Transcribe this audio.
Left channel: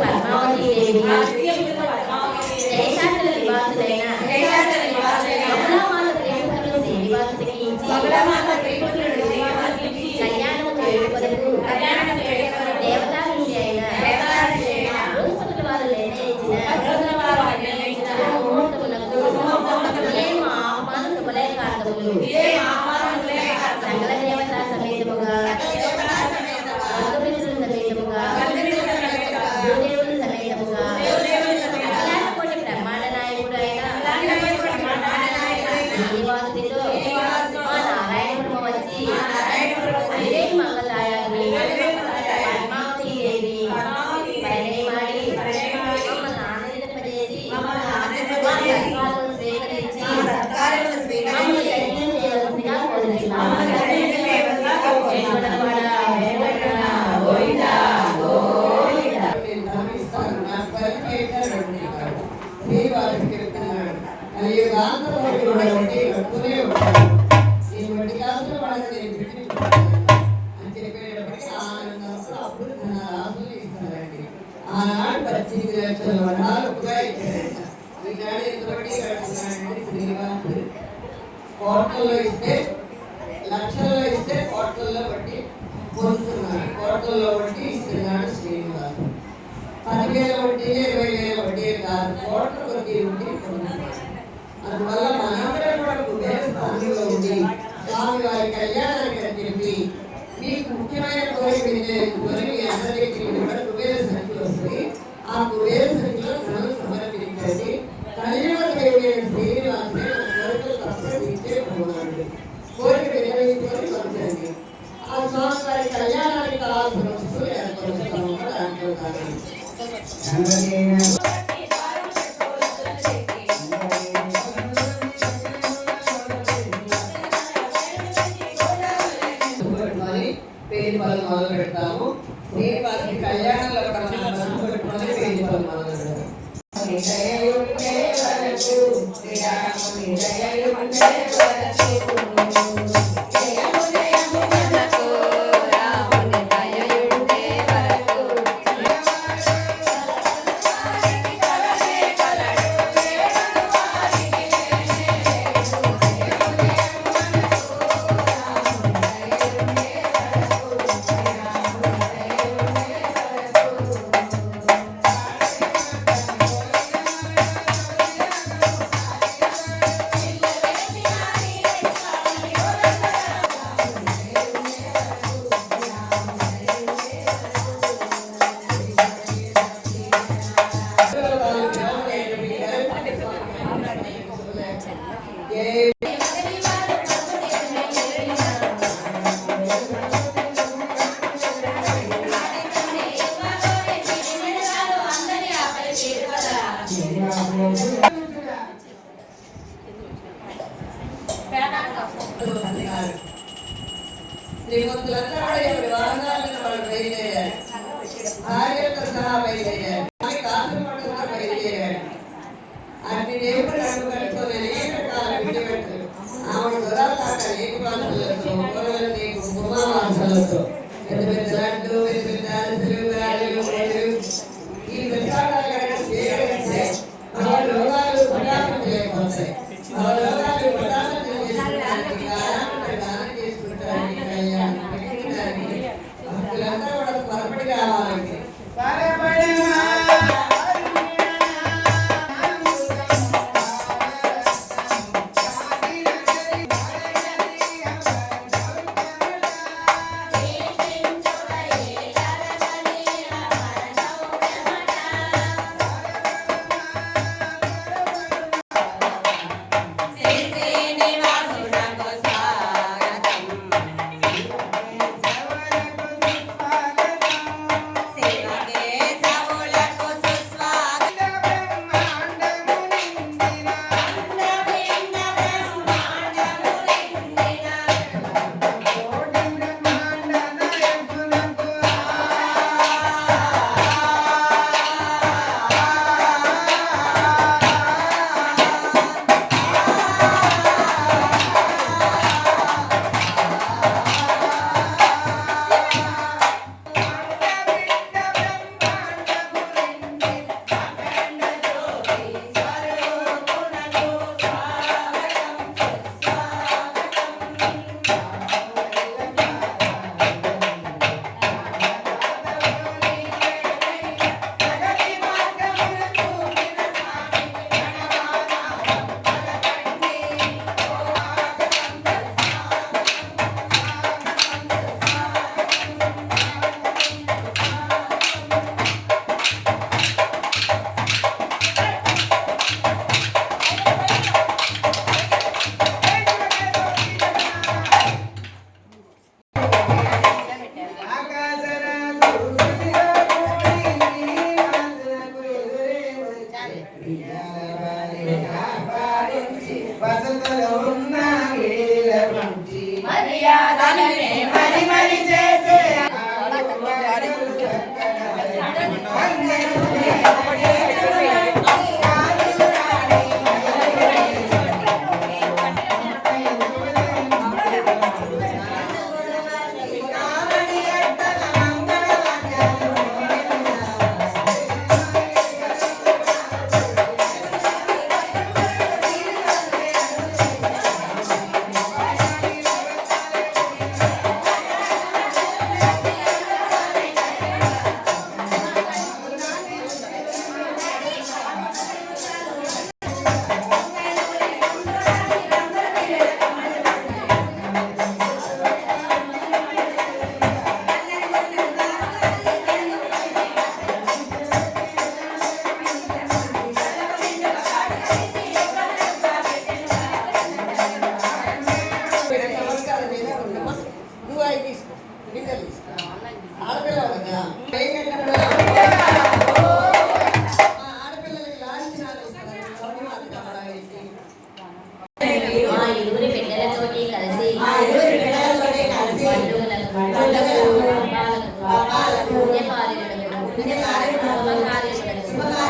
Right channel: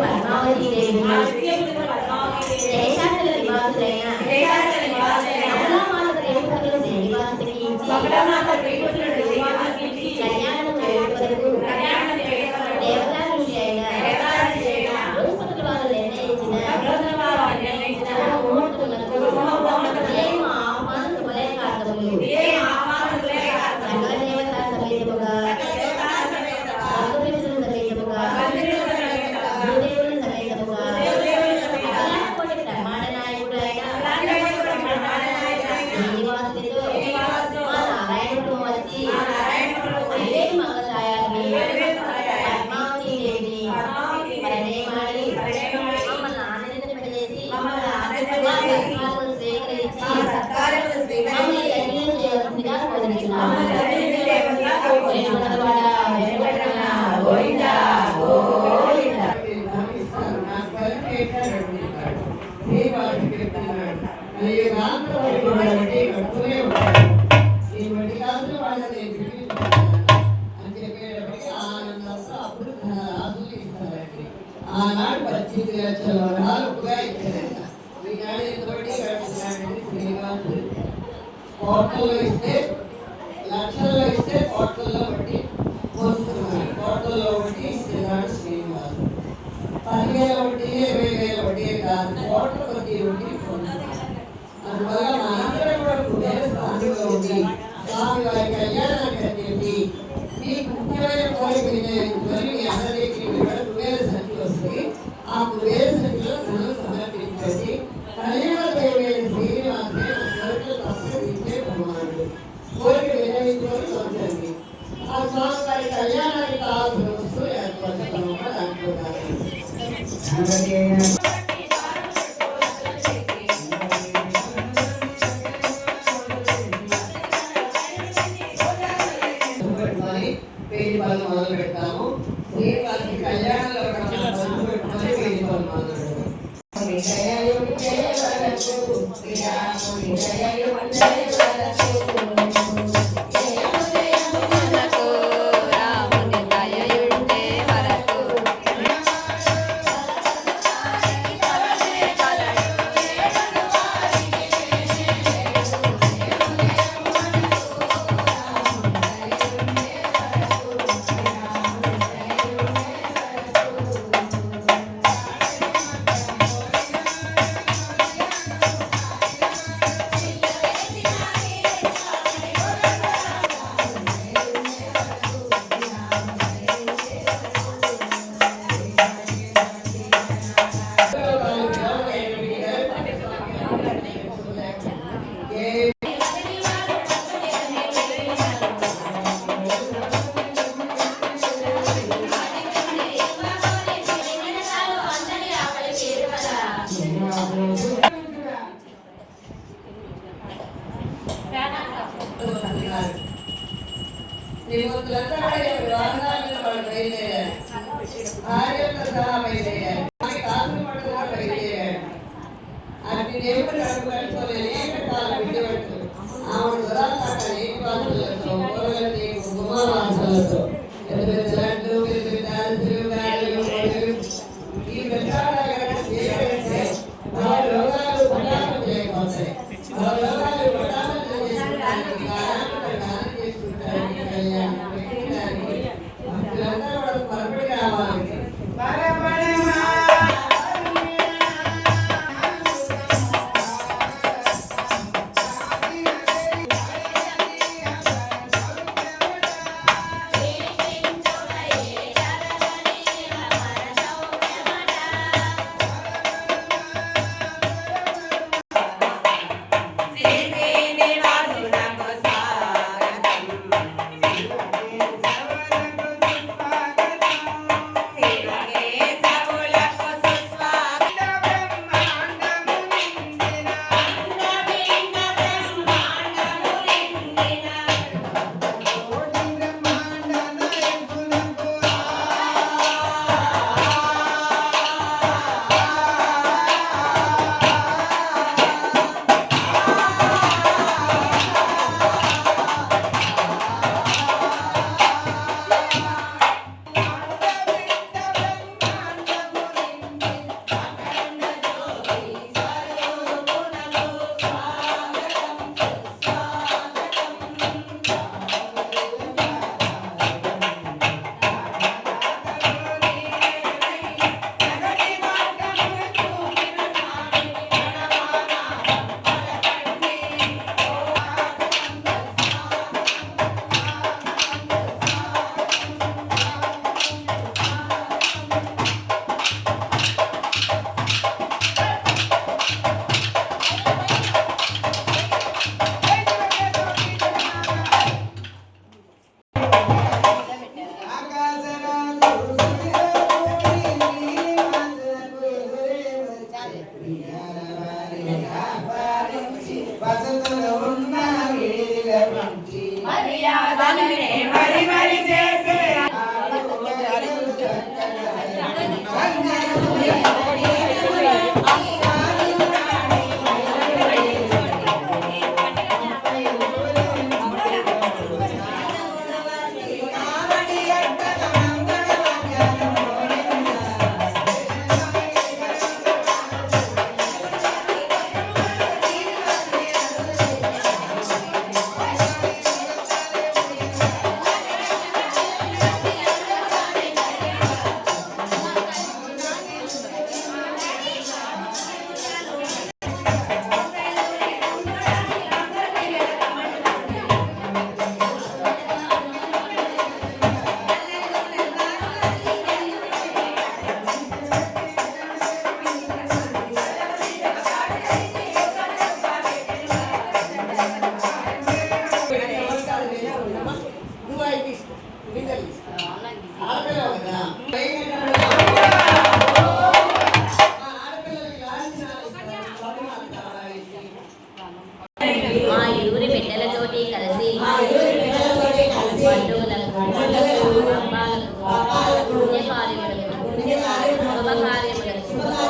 పద్మావతి దేశాచల నివాసులైన కళ్యాణం చేయుటకు దేవతానిషి అయిన బృహస్పతి వారు నిర్ణయించిన ముహూర్తములకు మేము ఆహ్వాన శుభలేఖార్థములు సకల దేవతా సమేతముగా బంధుమిత్రుల సమేతముగా గురుదేవుల సమేతముగా అఖిలాండకోటి బ్రహ్మాండ నాయకుడు అయిన శ్రీనివాసుడితో మా నారాయణపురం వచ్చి అదే మంగళదాయాన్ని పద్మావతి దేవిని పరిణయమాడి మమ్మల్ని ఆనందింపజేసి మా సత్కారములు స్వీకరించి మమ్మల్ని ధన్యం చేయవలసిందిగా కోరుచున్నాము. ఆనాడు 18 లక్షల వరాలు కోట్లలో ఇస్తే లక్షల్లో ఇస్తే కోట్లలో బట్టి పోస్తున్నాడు. కోట్లలో బట్టి ఇస్తున్నాడు శ్రీనివాసు. 10,000 వడ్డీ 20,000 వడ్డీ కాదు, కోట్ల కొద్ది వడ్డీ పొందుతున్నాడు. అందువల్ల మనందరం కూడా కుబేర స్థానంలో ఉండి స్వామి వారి కళ్యాణానికి చెప్పి మీకు ముఖ్యమైన కోరిక మీ అందరికీ కూడా కుబేర సంఖ్య వస్తుంది. ఆ కుబేర సంఖ్యలో ధనం సమర్పించండి. కళ్యాణ దేవైన శ్రీనివాసే నా కోరికలు తప్పక తీర్చే భగవానుడు. కోరిక వినయించుకొని పంచండి. ఆ స్వామి వారి కళ్యాణానికి కావాల్సిన వస్తువులు ఏర్పరుస్తాము. దాంట్లో పేరు పనులు మొదలు పెడతాము. శ్రీనివాసుని కళ్యాణంలో కూడా మనం పనులు పెట్టుకొని పేరు పనులు మొదలు పెడతాము. శుభకార్యములకు